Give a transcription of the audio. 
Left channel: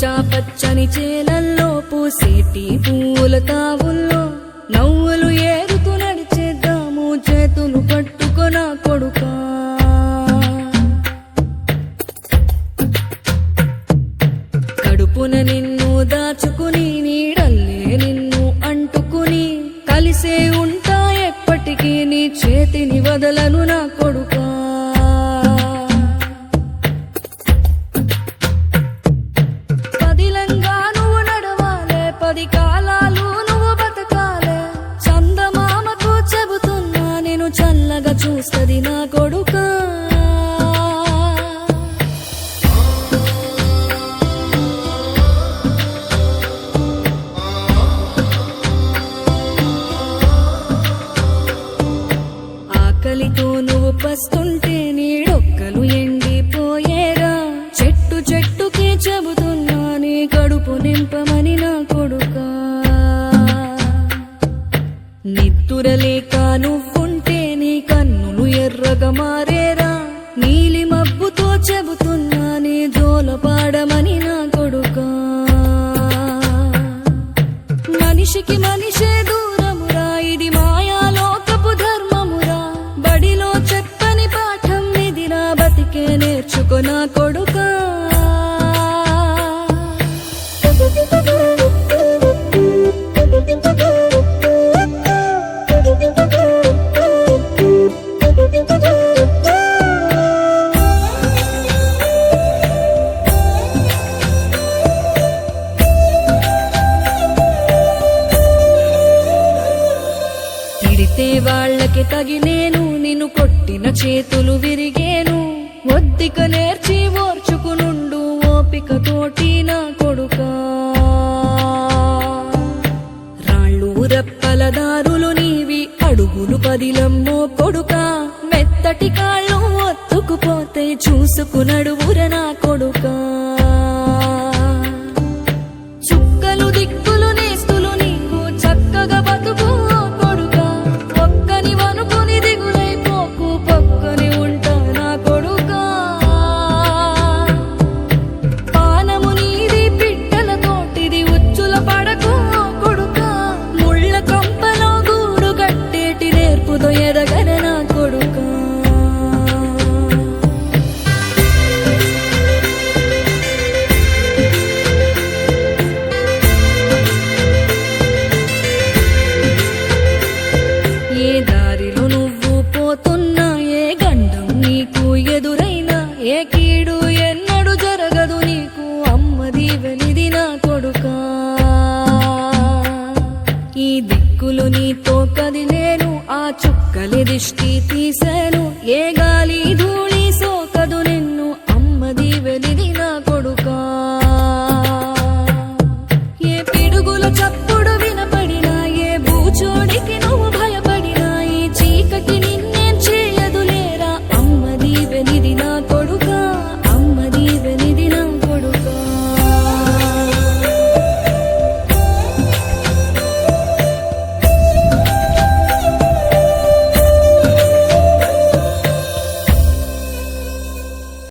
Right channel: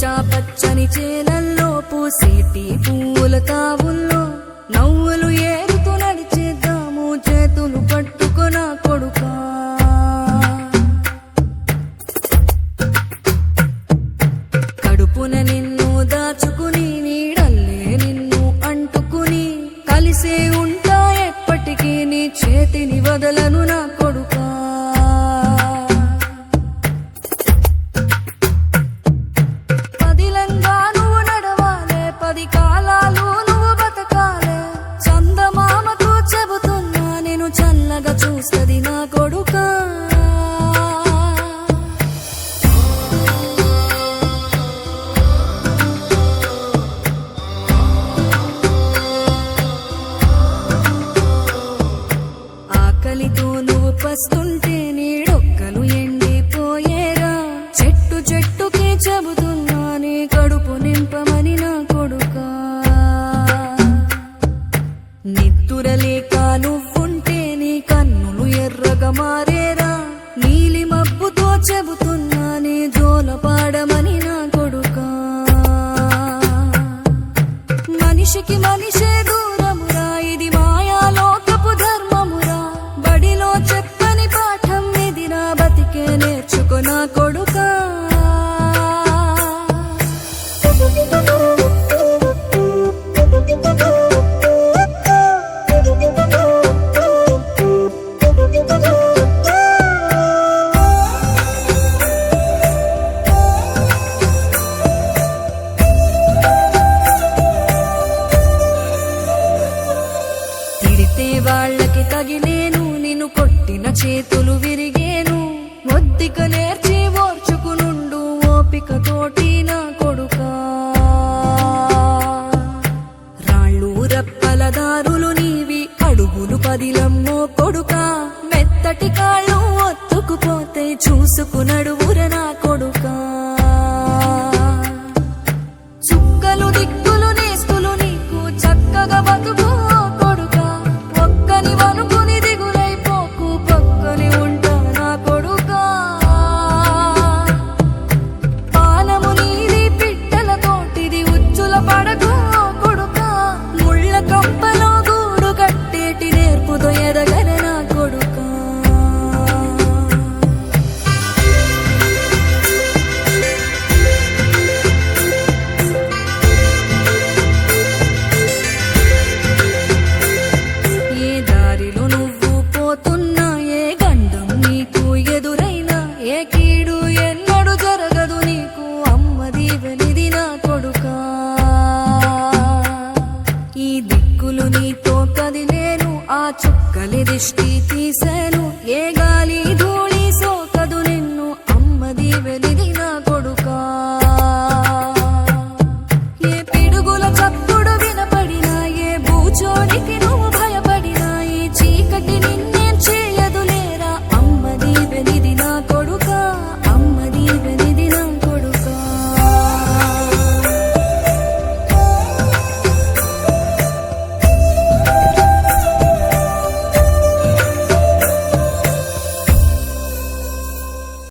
పచ్చా పచ్చని చేలల్లో పూసేటి పూల తావుల్లో నవ్వులు ఏరుతూ నడిచేద్దాము చేతులు పట్టుకొన కొడుకా. కడుపున నిన్ను దాచుకుని నీడల్లే నిన్ను అంటుకుని కలిసే ఉంటా ఎప్పటికీ నీ చేతిని వదలను నా కొడుకా. పదిలంగా నువ్వు నడవాలే, 10 కాలాలు నువ్వు బతకాలే. చందమామకు చెబుతున్నా నేను చల్లగా చూస్తది నా కొడుకా. ఆకలితో నువ్వు పస్తుంటే నీడొక్కలు ఎండిపోయేరా. చెట్టు చెట్టుకి చెబుతున్నా నీ కడుపు నింపమని నా కొడుకా. నిద్దురలేక నువ్వుంటే నీ కన్నులు ఎర్రగా మారేరా. నీలి మబ్బుతో చెబుతున్నా నీ జోల పాడమని నా కొడుకా. మనిషికి మనిషే దూరమురా, ఇది మాయాలోకపు ధర్మమురా. బడిలో చెప్పని పాఠం ఇదిరా, బతికే నేర్చుకో నా కొడుకా. తిడితే వాళ్ళకి తగిలేను, నిన్ను కొట్టిన చేతులు విరిగేను. ఒద్దిక నేర్చి ఓర్చుకునుండు ఓపికతోటి నా కొడుకా. రాళ్ళు రప్పల దారులు నీవి, అడుగులు పదిలమ్మో కొడుకా. మెత్తటి కాళ్ళు ఒత్తుకుపోతే చూసుకునడువుర నా కొడుకా. చుక్కలు దిక్కులు నేస్తులు నీకు చక్కగా బతుకు కొడుకా. ఒక్కని వనుకుని దిగులైపోకు, పక్కని ఉంటా నా కొడుకా. పానము నీది పిట్టల తోటిది, ఉచ్చుల పడకు కొడుకా. ముళ్ళ కంపలో గూడు కట్టేటి నేర్పుతో ఎదగర నా కొడుకా. ఏ దారిలో నువ్వు పోతున్నా, ఏ గండం నీకు ఎదురైనా, ఏ కీడు ఎన్నడు జరగదు నీకు అమ్మ దీవెనిది నా కొడుకా. ఈ దిక్కులు నీతో కదిలేను, ఆ చుక్కలి దిష్టి తీసాను. ఏ గాలి ధూళి సోకదు నిన్ను అమ్మ దీవెనిది